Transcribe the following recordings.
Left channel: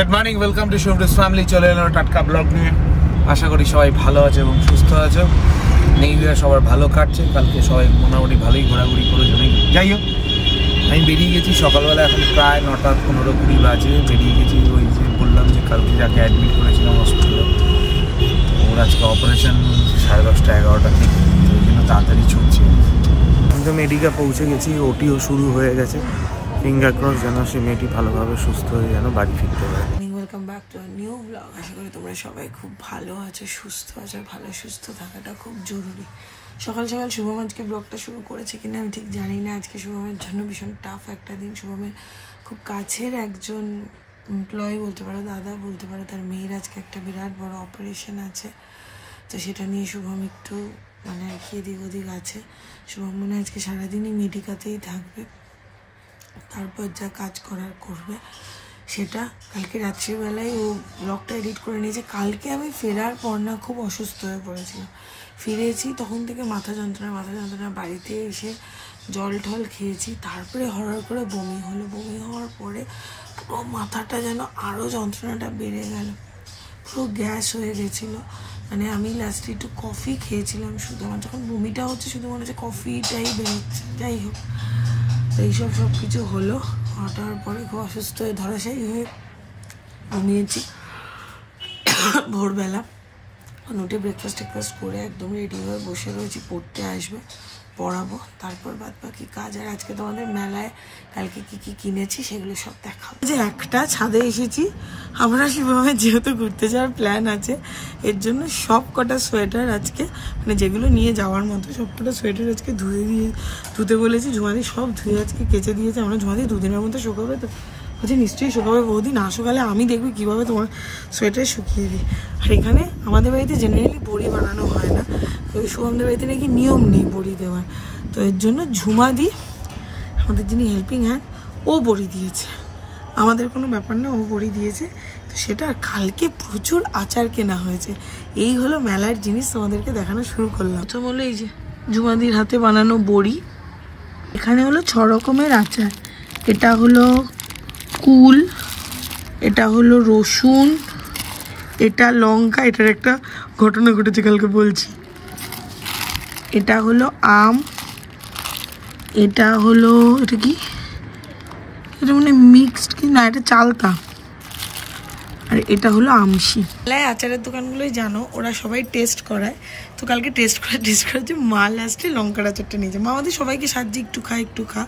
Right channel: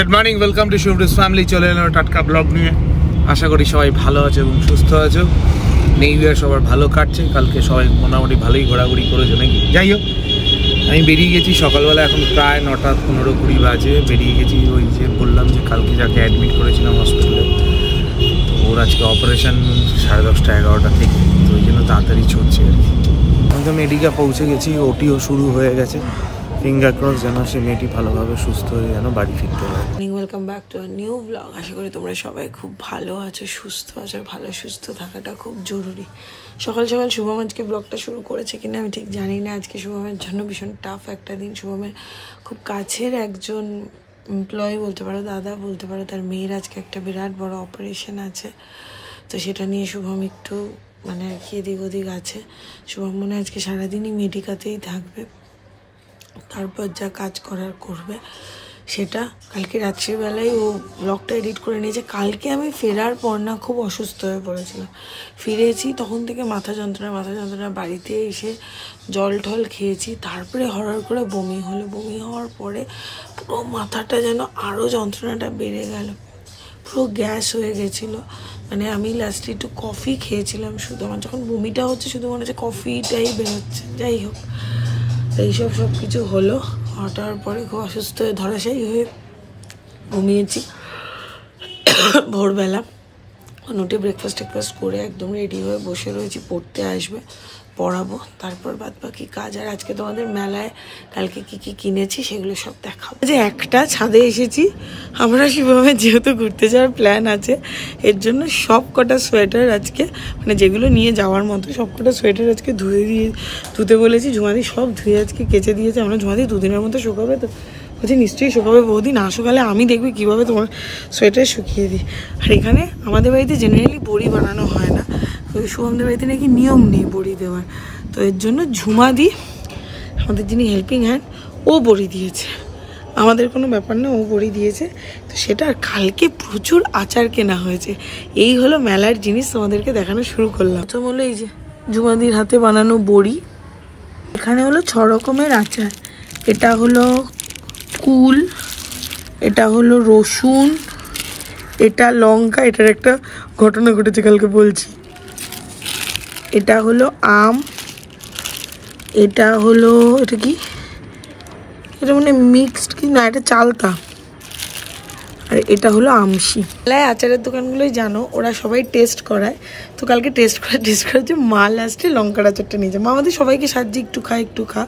Good morning, welcome to শুভ্রস family. চলে এলাম টাটকা ব্লগ নিয়ে। আশা করি সবাই ভালো আছে এবং সুস্থ আছো। নিউ ইয়ার সবার ভালো কাটছে। কালকে সবাই মোটামুটি ভালোই ঘোরাঘুরি করেছে নাকি। যাই হোক, আমি বেরিয়ে গেছি সকালবেলা, এখন প্রায় 9টা 15-20 বাজে বেরিয়ে গেছি। ওই যে বললাম যে কালকে যাকে অ্যাডমিট করেছিলাম হসপিটালে, ওর আজকে অপারেশন 10:30 11টা থেকে, তো ওই জন্য তাড়াতাড়ি ছুটছে। আমি তো মেডিকা পৌঁছে গেছি, ওটিও শুরু হয়ে গেছে। ফিঙ্গার ক্রস যেন সে মেয়েটি ভালোভাবে সুস্থ হয়ে যেন বাড়ি ফিরতে পারে। Welcome back to a new blog. আশা করি তোমরা সবাই খুব ভালো আছো, সুস্থ আছো। ভালো সুস্থ থাকাটা খুব জরুরি। সকাল সকাল শুভম আজকে ব্লগটা শুরু করেছে কিনা আমি ঠিক জানি না। আজকে শুভমের জন্য ভীষণ টাফ একটা দিন। শুভমের খুব কাছের একজন এমপ্লয়ি বলতে পারো, দাদা বলতে পারো, তার মেয়ের আজকে একটা বিরাট বড় অপারেশন আছে। তো সেটা নিয়ে শুভম একটু মানে কি এদিক ওদিক আছে। শুভম মনে হয় আজকে সারাদিনই মেডিকাতেই থাকবে, তারপর যা কাজ করার করবে সেটা। কালকে রাত্রিবেলায় ও ব্লগটা এডিট করে নিয়েছে। কালকে আমি ফেরার পর না খুব অসুস্থ হয়ে পড়েছিলাম। ফিরেছি তখন থেকে মাথা যন্ত্রণা। বাড়িতে এসে জল টল খেয়েছি, তারপরে হঠাৎ করে বমি হলো। বমি হওয়ার পরে পুরো মাথাটা যেন আরও যন্ত্রণাটা বেড়ে গেল, পুরো গ্যাস হয়ে গেছিলো। মানে আমি লাস্টে একটু কফি খেয়েছিলাম শুধু। আমার যখন বমিটা হচ্ছে শুধু মনে হচ্ছে কফিটাই বেরোচ্ছে। যাই হোক, এইসব সব কিছু হলো। হঠাৎ পরে খুব অসুস্থ হয়ে ধরাশায়ী হয়ে ঘুমিয়েছি। ভোরবেলা উঠে ব্রেকফাস্ট করে একদম রেডি হয়ে বসে রয়েছি, পড়তে আসবে, পড়াবো, তারপর বাদ বাকি কাজ। আর আজকে তোমাদের মেলায় কালকে কি কি কিনেছি সেগুলো সব দেখাবো। যে একটা ছাদে এসেছি আমরা, সেভাবে যেহেতু ঘুরতে যাওয়ার প্ল্যান আছে, এর জন্য সব কটা সোয়েটার আজকে মানে যেগুলো নিয়ে যাওয়ার মতো সব কটা সোয়েটার আজকে ধুতে বলেছি। ঝুমাদি সব ধুয়ে আজকে কেচে দিয়েছে। আমরা ঝুমাদি 2 দিনের মতো শুকাবে, তো বলছি নিশ্চয়ই শুকাবে বৌদি, না শুকালে আমি দেখবি কিভাবে তোমার সোয়েটার শুকিয়ে দিই। আর এখানে আমাদের বাড়িতে জেনারেলি বড়ি বানানো হয় না, শুভমদের বাড়িতে নাকি নিয়ম নেই বড়ি দেওয়ার। তো এর জন্য ঝুমাদি, আমাদের যিনি হেল্পিং হ্যান্ড, ও বড়ি দিয়েছে। আমাদের কোনো ব্যাপার না, ও বড়ি দিয়েছে। তো সেটা কালকে প্রচুর আচার কেনা হয়েছে। এই হলো মেলার জিনিস, তোমাদেরকে দেখানো শুরু করলাম। প্রথম হলো এই যে ঝুমাদির হাতে বানানো বড়ি। এখানে হলো 6 রকমের আচার। এটা হলো কুল, এটা হলো রসুন, এটা লঙ্কা। এটার একটা ঘটনা ঘটেছে কালকে বলছি। এটা হলো আম, এটা হলো এটা কি, এটা মানে মিক্সড কি না, এটা চালতা। আর এটা হলো আমশি। মেলায় আচারের দোকানগুলোই জানো, ওরা সবাই টেস্ট করায়। তো কালকে টেস্ট করাচ্ছে মা লাস্টে লঙ্কার আচারটা নিয়েছে। মা আমাদের সবাইকে সাহায্যে একটু খা।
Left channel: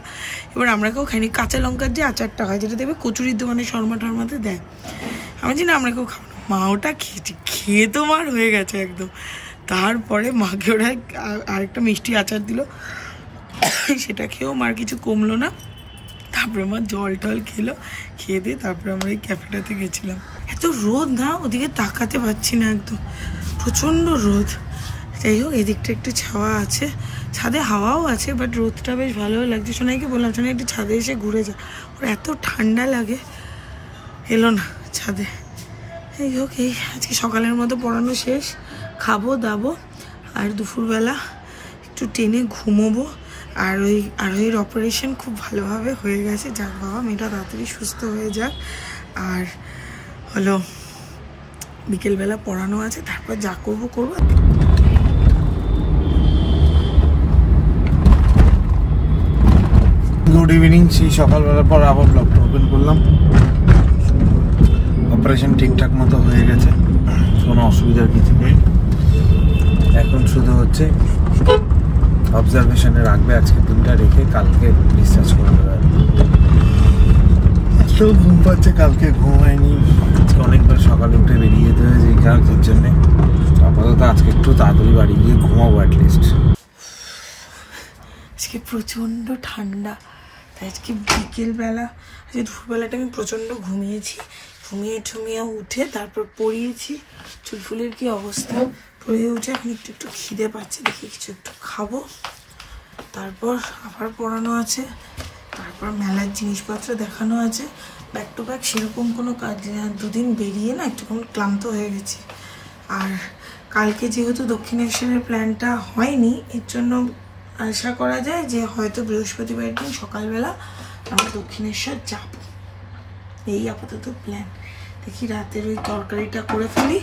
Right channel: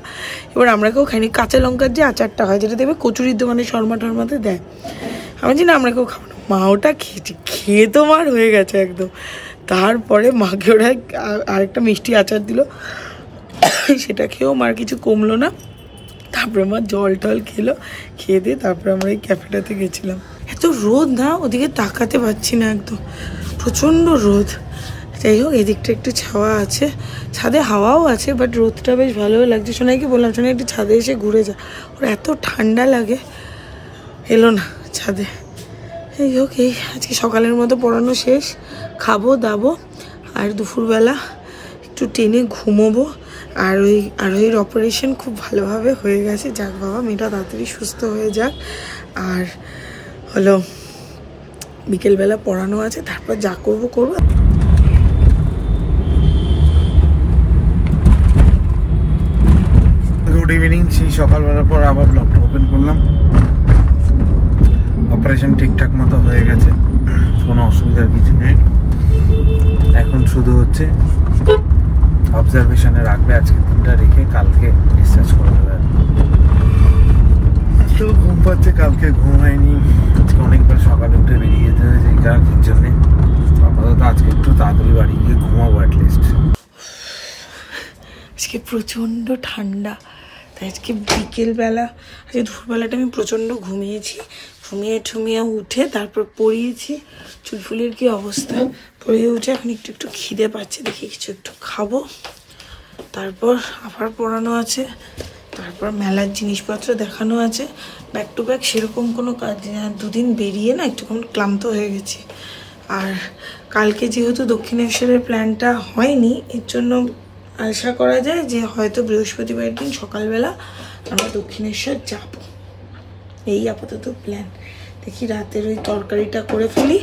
এবার আমরা কেউ খাইনি। কাঁচা লঙ্কার যে আচারটা হয়, যেটা দেখবে কচুরির দোকানে শর্মা টর্মাতে দেয়, আমি জানি না, আমরা কেউ খাবো না। মা ওটা খেয়ে তো মার হয়ে গেছে একদম। তারপরে মাকে ওরা আরেকটা মিষ্টি আচার দিল, সেটা খেয়েও মার কিছু কমলো না। তারপরে মা জল টল খেয়ে দিয়ে তারপরে আমরা এই ক্যাফেটাতে গেছিলাম। এত রোদ না, ওদিকে তাকাতে পারছি না, একদম প্রচন্ড রোদ। যাই হোক, এদিকটা একটু ছাওয়া আছে, ছাদে হাওয়াও আছে, বাট রোদটা বেশ ভালোও লাগছে। সোনাইকে বললাম, সোনাই একটু ছাদে এসে ঘুরে যা, ওর এত ঠান্ডা লাগে। এলো না ছাদে। এই হোক, এই আজকে সকালের মতো পড়ানো শেষ, খাবো দাবো, আর দুপুরবেলা একটু টেনে ঘুমোবো। আর ওই অপারেশন খুব ভালোভাবে হয়ে গেছে। যাক বাবা, মেয়েটা তাড়াতাড়ি সুস্থ হয়ে যাক। আর হলো বিকেলবেলা পড়ানো আছে, তারপর যা করবো। Good evening. সেই সকালবেলার পর আবার ব্লগটা ওপেন করলাম। অপারেশন ঠিকঠাক মতো হয়ে গেছে, কোনো অসুবিধার কিছু নেই। এখন শুধু হচ্ছে অবজারভেশনে রাখবে আজকে দিনটা, রেখে কালকে ডিসচার্জ করে দেবে। তো ঘুম পাচ্ছে, কালকে ঘুম হয়নি। আজকে অনেকবার সকালে উঠে বেরিয়ে যেতে হয়েছে এই কাজের জন্যে। আপাতত আজকে একটু তাড়াতাড়ি বাড়ি গিয়ে ঘুমাবো অ্যাটলিস্ট। আজকে প্রচন্ড ঠান্ডা, তাই আজকে বিকেলবেলা, আজকে দুপুরবেলাটা আমি প্রচন্ড ঘুমিয়েছি। ঘুমিয়ে উঠে তারপর পড়িয়েছি। চুলফুলির কি অবস্থা, পড়িয়ে উঠে এখন একটু খিদে পাচ্ছে, দেখি কিছু একটু খাবো। তারপর আবার পড়ানো আছে, তারপর মেলার জিনিসপত্র দেখানো আছে। ব্যাক টু ব্যাক সেরকম কোনো কাজ নেই। আর 2 দিন বেরিয়ে না একটু ক্লান্ত হয়ে গেছি। আর কালকে যেহেতু দক্ষিণেশ্বরের প্ল্যানটা হয়নি, এর জন্য আশা করা যায় যে হয়তো বৃহস্পতিবার দিন সকালবেলা আমরা দক্ষিণেশ্বর যাব। এই আপাতত প্ল্যান। দেখি রাতের ওই তরকারিটা করে ফেলি,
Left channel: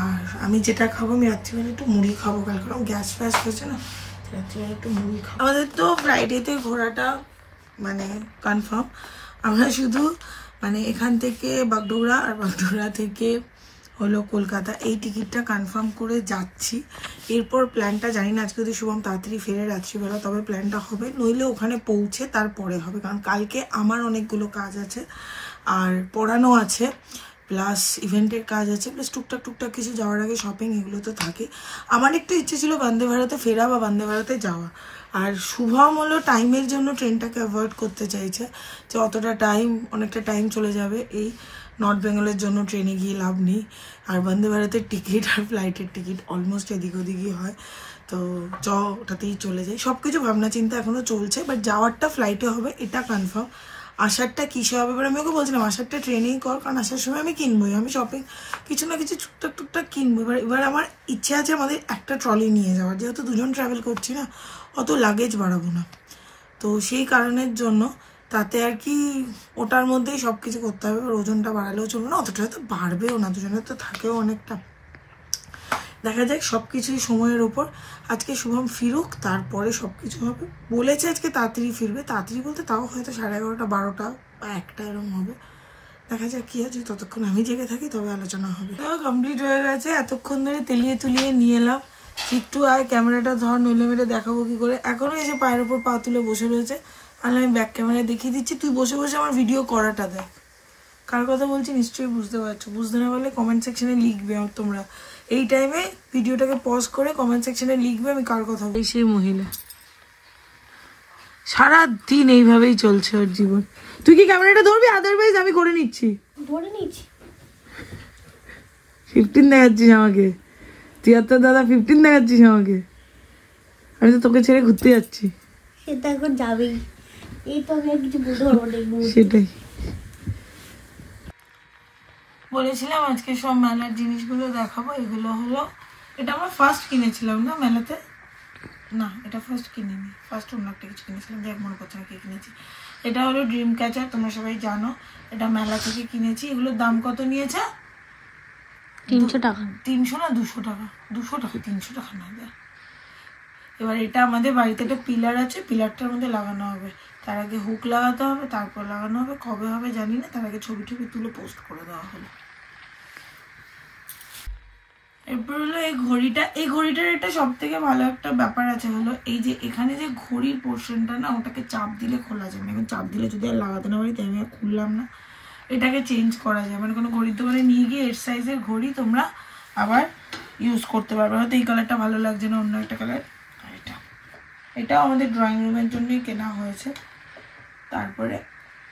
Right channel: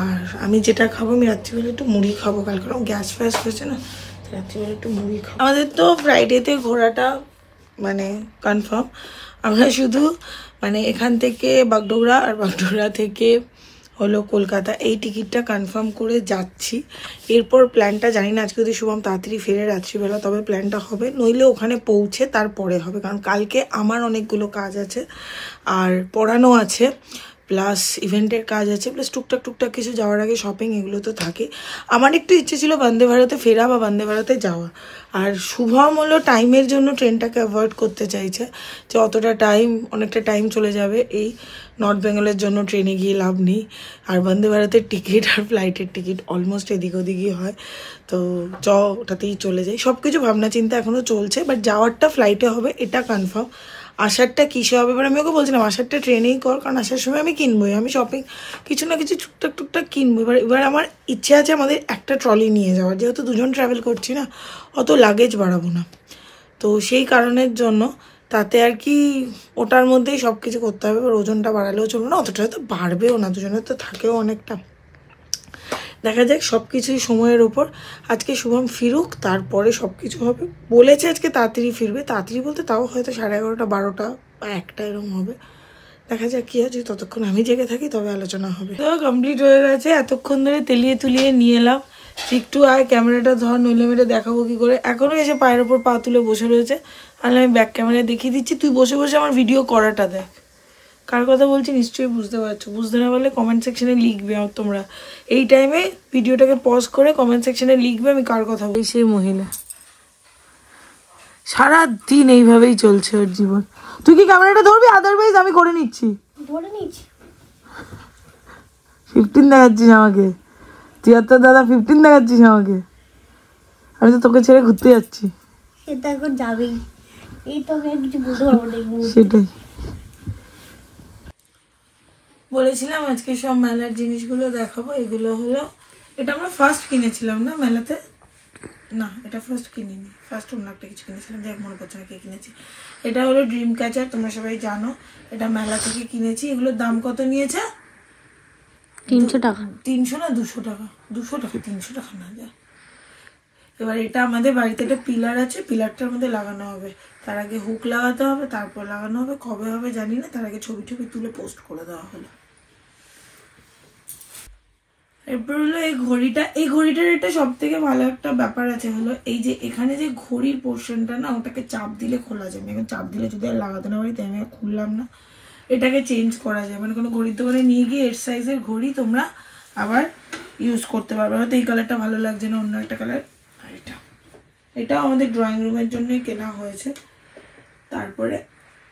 আর আমি যেটা খাবো আমি রাত্রিবেলা একটু মুড়ি খাবো, কালকে গ্যাস ফ্যাস হয়েছে না, রাত্রিবেলা একটু মুড়ি খাবো। আমাদের তো ফ্রাইডেতে ঘোরাটা মানে কনফার্ম। আমরা শুধু মানে এখান থেকে বাগডোগরা আর বাগডোগরা থেকে হলো কলকাতা এই টিকিটটা কনফার্ম করে যাচ্ছি। এরপর প্ল্যানটা জানি না, আজকে যদি শুভম তাড়াতাড়ি ফেরে রাত্রিবেলা তবে প্ল্যানটা হবে, নইলে ওখানে পৌঁছে তারপরে হবে, কারণ কালকে আমার অনেকগুলো কাজ আছে আর পড়ানো আছে, প্লাস ইভেন্টের কাজ আছে, প্লাস টুকটাক কিছু যাওয়ার আগে শপিং, এগুলো তো থাকে। আমার একটু ইচ্ছে ছিল বন্দে ভারতে ফেরা বা বন্দে ভারতে যাওয়া, আর শুভম হলো টাইমের জন্য ট্রেনটাকে অ্যাভয়েড করতে চাইছে, যে অতটা টাইম, অনেকটা টাইম চলে যাবে এই নর্থ বেঙ্গলের জন্য ট্রেনে গিয়ে লাভ নেই। আর বন্দে ভারতের টিকিট আর ফ্লাইটের টিকিট অলমোস্ট এদিক ওদিকই হয়, তো ওটাতেই চলে যায়। সবকিছু ভাবনা চিন্তা এখনো চলছে, বাট যাওয়ারটা ফ্লাইটে হবে এটা কনফার্ম। আসারটা কিসে হবে, এবার আমি ওকে বলছিলাম আসারটা ট্রেনেই কর, কারণ আসার সময় আমি কিনবোই, আমি শপিং কিছু না কিছু টুকটাক কিনবো। এবার আমার ইচ্ছে আছে আমাদের একটা ট্রলি নিয়ে যাওয়ার, যেহেতু দুজন ট্রাভেল করছি না, অত লাগেজ বাড়াবো না, তো সেই কারণের জন্য তাতে আর কি ওটার মধ্যেই সবকিছু করতে হবে। এবার ওজনটা বাড়ালেও চলবে না, অতটা হয়তো বাড়বেও না, দুজনের তো থাকেও অনেকটা। দেখা যাক, সবকিছুই সময়ের উপর। আজকে শুভম ফিরুক, তারপরে সবকিছু হবে। বলেছে আজকে তাড়াতাড়ি ফিরবে, তাড়াতাড়ি বলতে তাও হয়তো 11:30, 12টা বা 1টা এরকম হবে। দেখা যাক কি আছে, ততক্ষণ আমি জেগে থাকি তবে আলোচনা হবে। তো কমপ্লিট হয়ে গেছে, এতক্ষণ ধরে তেলিয়ে তুলিয়ে নিয়ে এলাম। একটু আয় ক্যামেরাটা ধর, নইলে মেরে দেখাবো কি করে। এখনো এসে পায়ের ওপর পা তুলে বসে রয়েছে, আর আমি ব্যাক ক্যামেরায় দেখিয়ে দিচ্ছি, তুই বসে বসে আমার ভিডিও করাটা দেখ। কার কথা বলছি নিশ্চয়ই বুঝতে পারছো, বুঝতে না পারলে কমেন্ট সেকশনে লিখবে। তোমরা এই টাইমে ভিডিওটাকে পজ করে কমেন্ট সেকশনে লিখবে আমি কার কথা বলি। সেই মহিলা সারাদিন এইভাবেই চলছে ওর জীবন। তুই কি ক্যামেরাটা ধরবি? আদারওয়াইজ আমি করে নিচ্ছি। 15 দেখাচ্ছিস আমাকে, তুই আর তোর দাদা 15 দেখাচ্ছিস আমাকে। আমি তো তোকে ছেড়ে ঘুরতে যাচ্ছি। সেটা এখন যাবেই, এই তো আমি কিছু বলতে পারবো না। সেটাই বলেছিলাম, আজকে সব মেলার জিনিসগুলো দেখাবো। এগুলো হলো, এটা আমরা ফার্স্ট কিনেছিলাম না মেলাতে, না এটা ফার্স্ট কিনিনি, ফার্স্ট অন্য একটা কিছু কিনেছিলাম, যাক মনে পড়ছে না কে কিনেছি। এটা হলো ড্রিম ক্যাচার, তোমরা সবাই জানো, এটা মেলা থেকে কিনেছি। এগুলোর দাম কত নিয়েছে? 300 টাকা। 300 না 200 টাকা? 200 টাকা, 300 টাকা না। এবার এটা আমাদের বাড়িতে একটা পিলার আছে, পিলারটার মধ্যে লাগানো হবে, তার আগে হুক লাগাতে হবে, তারপর লাগানো হবে, কবে হবে জানি না, তার আগে ছবি তুলে পোস্ট করে দেওয়া হলো। এরপর হলো এই ঘড়িটার এটা সব থেকে ভালো একটা ব্যাপার আছে, হলো এই যে এখানে যে ঘড়ির পোর্শনটা না, ওটাকে চাপ দিলে খোলা যায়। এখন চাপ দিলে যদি আর লাগাতে না পারি তাই আমি আর খুললাম না। এটাকে চেঞ্জ করা যায়, মানে কোনো ঘড়ির দোকানে নিয়ে গিয়ে এর সাইজের ঘড়ি তোমরা আবার ইউজ করতে পারবে। হয়তো এই কালারটা ভালো লাগছে না, অন্য একটা কালার। আর এটাও আমাদের ড্রয়িং রুমের জন্যই কেনা হয়েছে। তারপরে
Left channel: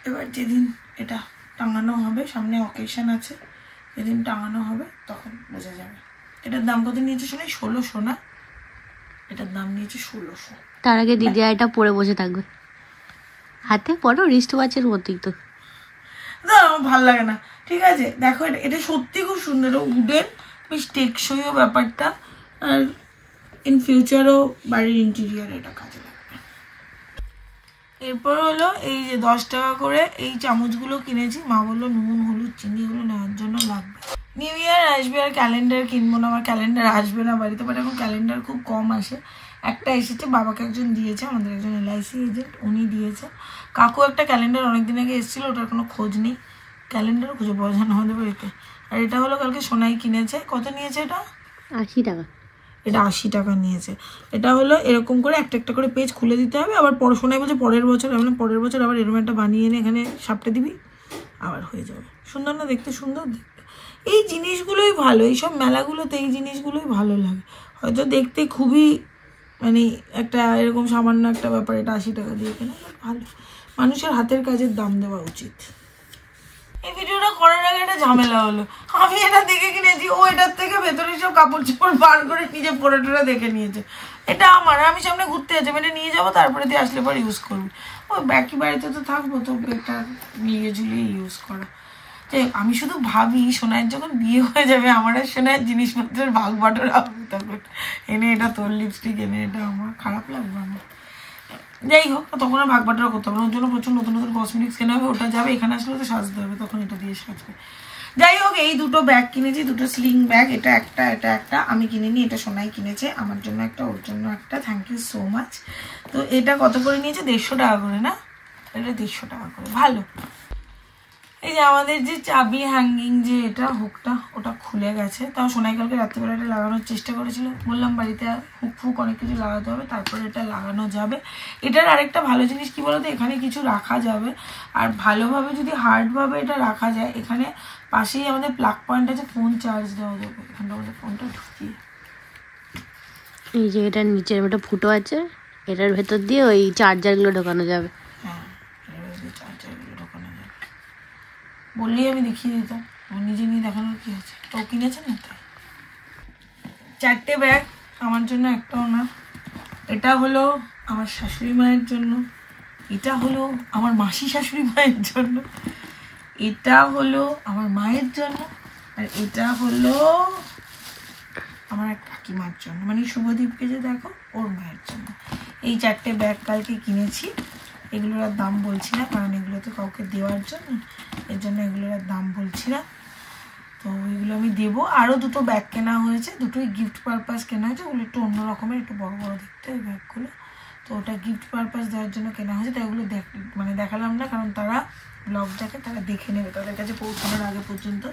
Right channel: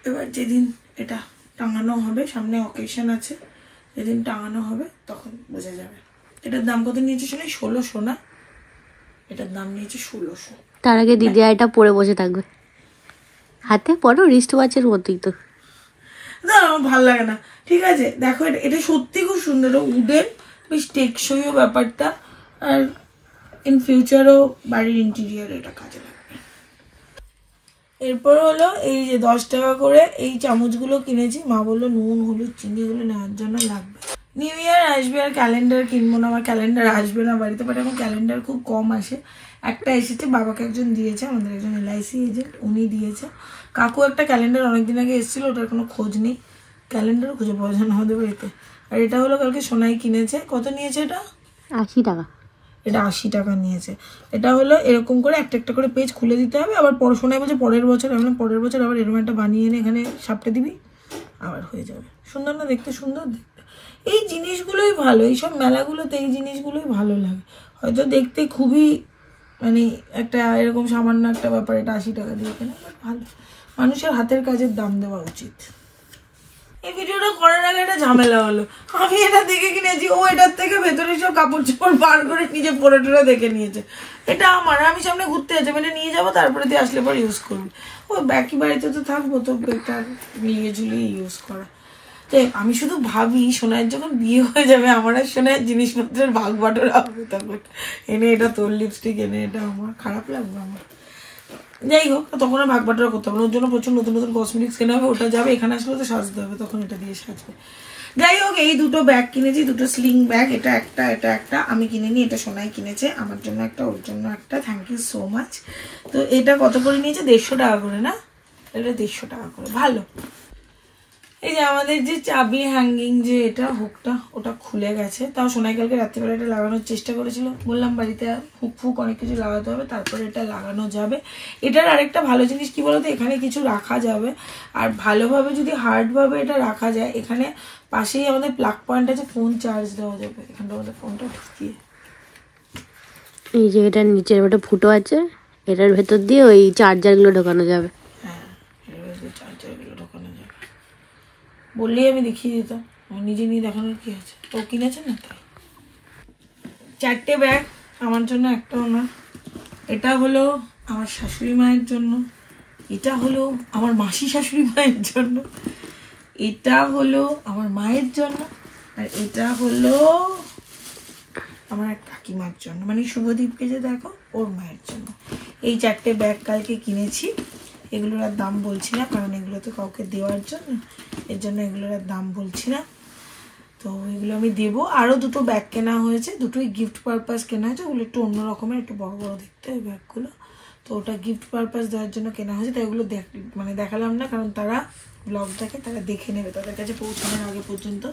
এবার যেদিন এটা টাঙানো হবে, সামনে অকেশন আছে, যেদিন টাঙানো হবে তখন বোঝা যাবে। এটার দাম কত নিয়েছে শুনে? 1600 না, এটার দাম নিয়েছে 1600। তার আগে দিদি এটা পরে বসে থাকবে, হাতে পরো রিস্ট ওয়াচের মতোই তো। না আমার ভালো লাগে না। ঠিক আছে দেখো, এটা সত্যি খুব সুন্দর, উডেন, বেশ টেকসইও ব্যাপারটা, আর ইন ফিউচারও বাড়ির ইন্টেরিয়র এটা কাজে লাগবে। এরপর হলো এই যে 10 টাকা করে এই চামচগুলো কিনেছি, মা বললো নুন হলুদ চিনি এগুলো নেওয়ার জন্য লাগবে। নিউ ইয়ার আসবে আর ক্যালেন্ডার কিনবো না, আমার ক্যালেন্ডার আসবে না বাড়িতে, বাট এখন ক্যালেন্ডার খুব কম আসে। একটা এসেছে, বাবাকে একজন দিয়েছে, আমাদের একজন LIC এজেন্ট, উনি দিয়েছে। কাকু একটা ক্যালেন্ডার অনেকদিন আগে এসেছিল, ওটার কোনো খোঁজ নেই, ক্যালেন্ডারও খুঁজে পাওয়া যায় না আমাদের বাড়িতে। আর এটা হলো কালকে সোনাই কিনেছে, কত নিয়েছে এটা? 80 টাকা। এটা 80 টাকা নিয়েছে। এটা হলো এরকম করে একটা একটা করে পেজ খুলে দিতে হবে, আবার পড়াশোনায় বলছে পরের বছর, আমি পরের বছর আবার এরকম একটা বানিয়ে এনে এখানে সাপটে দিবি, আবার হয়ে যাবে। সুন্দর না দেখতে? সুন্দর দেখতে। এই জিনিসগুলোই ভালো, এইসব মেলাগুলোতে এই জিনিসগুলোই ভালো লাগে। হয়তো দেখতে খুবই মানে একটা এরকম সামান্য একটা ব্যাপার, এটা 80 টাকা দিয়ে কেনা, বাট ভালো। মানুষের হাতের কাজের দাম দেওয়া উচিত। এই ভিডিওটা করার আগে একটা ঝামেলা হলো, আমি এটা দেখে কিনেছি, ও এটার থেকে ভেতরে সব কাপড় চোপড় বার করে নিজে পরে টরে দেখে নিয়েছে। এটা আমার, আমি সামনে ঘুরতে যাচ্ছি, এটা নিয়ে যাবো, তারপরে দিয়ে আসলে পর ইউজ করবি। ও বাকি বাড়িতে তো থাকবো, তো বেটার মিলিয়ে ঝুলিয়ে ইউজ করা। আমি শুধু ভাবি সোনার যখন বিয়ে হয়ে যাবে আমার আর সোনার জিনিসপত্রের ভাগ বাটোরা হবে, তখন এনে এটা তোর লিপস্টিক, এনে এটা আমার, খারাপ লাগবে আমার। যাই হোক, তখন আর ভাগ বাটোয়ারা করতে হবে না, ওর জন্য প্রচুর নতুন নতুন কসমেটিক্স কেনা হবে, ওটা যাবে, এখানে আসলে তো সাজতে হবে, তখন এটা দিয়ে সাজবে। যাই হোক, এই দুটো ব্যাগ কিনেছি, দুটো স্লিং ব্যাগ, এটা একটা আমি কিনিনি, এটা সোনাই কিনেছে আমার জন্য একটা, ওর জন্য একটা। Thank you so much. তো এটা কত করে নিয়েছে? 150 টাকা করে না? এটা 150 টাকা করে, ভালো। এই যে আমাদের যে চাবি হ্যাঙ্গিং যে এটা হুকটা, ওটা খুলে গেছে, তাও সোনাই কালকে রাত্রিবেলা এটা লাগানোর চেষ্টা করেছিল, বললাম বাড়িতে হুক ফুক অনেক কিছু লাগাতে হবে, তারপরে এটা লাগানো যাবে। এটার আরেকটা ভালো জিনিস কি বলতো, এখানে কিছু রাখা যাবে, আর ভালোভাবে যদি হার্ডভাবে এটা রাখা যায়, এখানে পাশেই আমাদের প্লাগ পয়েন্ট আছে, ফোন চার্জ দেওয়া যাবে, এখানটা আমাদের ফোনটা ঢুকিয়ে। এই যে এটার নিচের ওটা ফুটো আছে, এটার ভেতর দিয়ে ওই চার্জারগুলো ঢোকানো যাবে। হ্যাঁ, চার্জারগুলো ঢোকানো যাবে বললেই আমি দেখিয়ে দিতাম, নিজে নিয়ে দেখানোর কি আছে, ও কিনেছে না। 4টে ব্যাগ আমার জন্য, একটাও না। এটা হলো আমার শাশুড়ি মায়ের জন্য, এটা হলো আমার মাসি শাশুড়ি মায়ের জন্য, এটা হলো আমার মায়ের জন্য, আর এটা হলো আমার এক কাকিমার জন্য, মানে শুভদীপকে যে দেখো ওর মায়ের জন্য। এই 4টে ব্যাগ কালকে কিনেছি, এগুলোর আর দাম বলছি না, কারণ এগুলো তো কাউকে দেওয়ার জন্য, এর জন্য এগুলোর আর দাম বলছি না। তো এগুলো আমি দেবো। আরও দুটো ব্যাগ কেনা হয়েছে, দুটোই গিফট পারপাস কেনা হয়েছে, ওগুলো একটু অন্য রকমের, একটু বড় বড় দেখতে হয় ব্যাগগুলো, তো ওটা গিফট পারপাস দেওয়ার জন্য কেনা হয়েছে। তাই ওগুলো মানে দেখালাম না, কারণ তারা ব্লগটাকে তারা দেখে নেবে তাদের কাছে পৌঁছানোর আগে পর্যন্ত।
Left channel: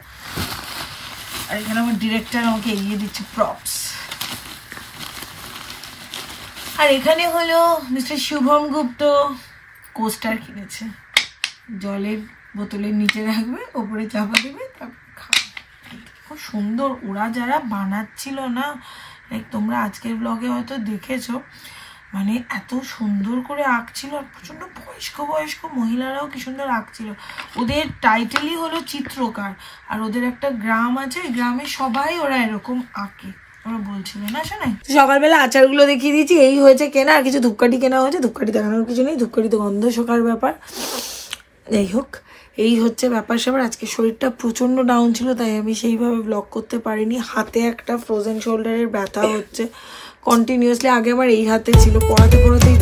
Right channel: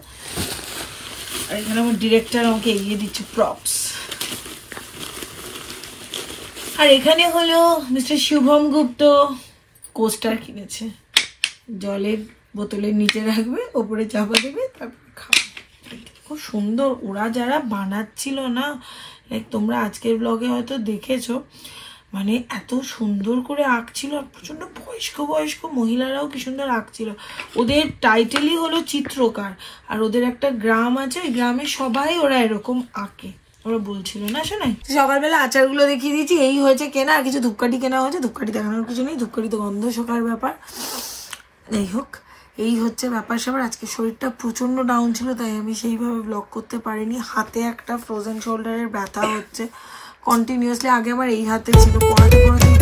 আর এখানে আমার ডিরেক্টর আমাকে এগিয়ে দিচ্ছে প্রপস। আর এখানে হলো মিস্টার শুভম গুপ্ত কোস্টার কিনেছে, জলের বোতলের নিচে রাখবে, ওপরে চাপা দেবে, তারপর খাবে। খুব সুন্দর, ওরা যারা বানাচ্ছিল না, লাইক তোমরা আজকের ব্লগে হয়তো দেখেছো, মানে এত সুন্দর করে আঁকছিল, আর প্রচন্ড বয়স্ক বয়স্ক মহিলারাও কি সুন্দর আঁকছিল। ওদের টাইটেলই হলো চিত্রকার, আর ওদের একটা গ্রাম আছে, ওই গ্রামে সবাই ওরা এরকম আঁকে, ওরা বলছিল না শোনাই। সকালবেলা আচারগুলো দেখিয়ে দিয়েছি, এই হয়েছে কেনা, আর কিছু ধূপকাঠি কেনা হয়েছে, ধূপকাঠি দেখানোর কিছু নেই, ধূপকাঠি তো গন্ধ শোকার ব্যাপার। যাই হোক, এই হচ্ছে ব্যাপার স্যাপার। আজকে শরীরটা প্রচন্ড ডাউন ছিল, তাই আমি সেইভাবে ব্লগ করতে পারিনি। হাতে একটা ফ্রোজেন শোল্ডারের ব্যথা হচ্ছে কন্টিনিউয়াসলি, আগে আমার এই হাতে ছিল, পড়াতে পড়াতেই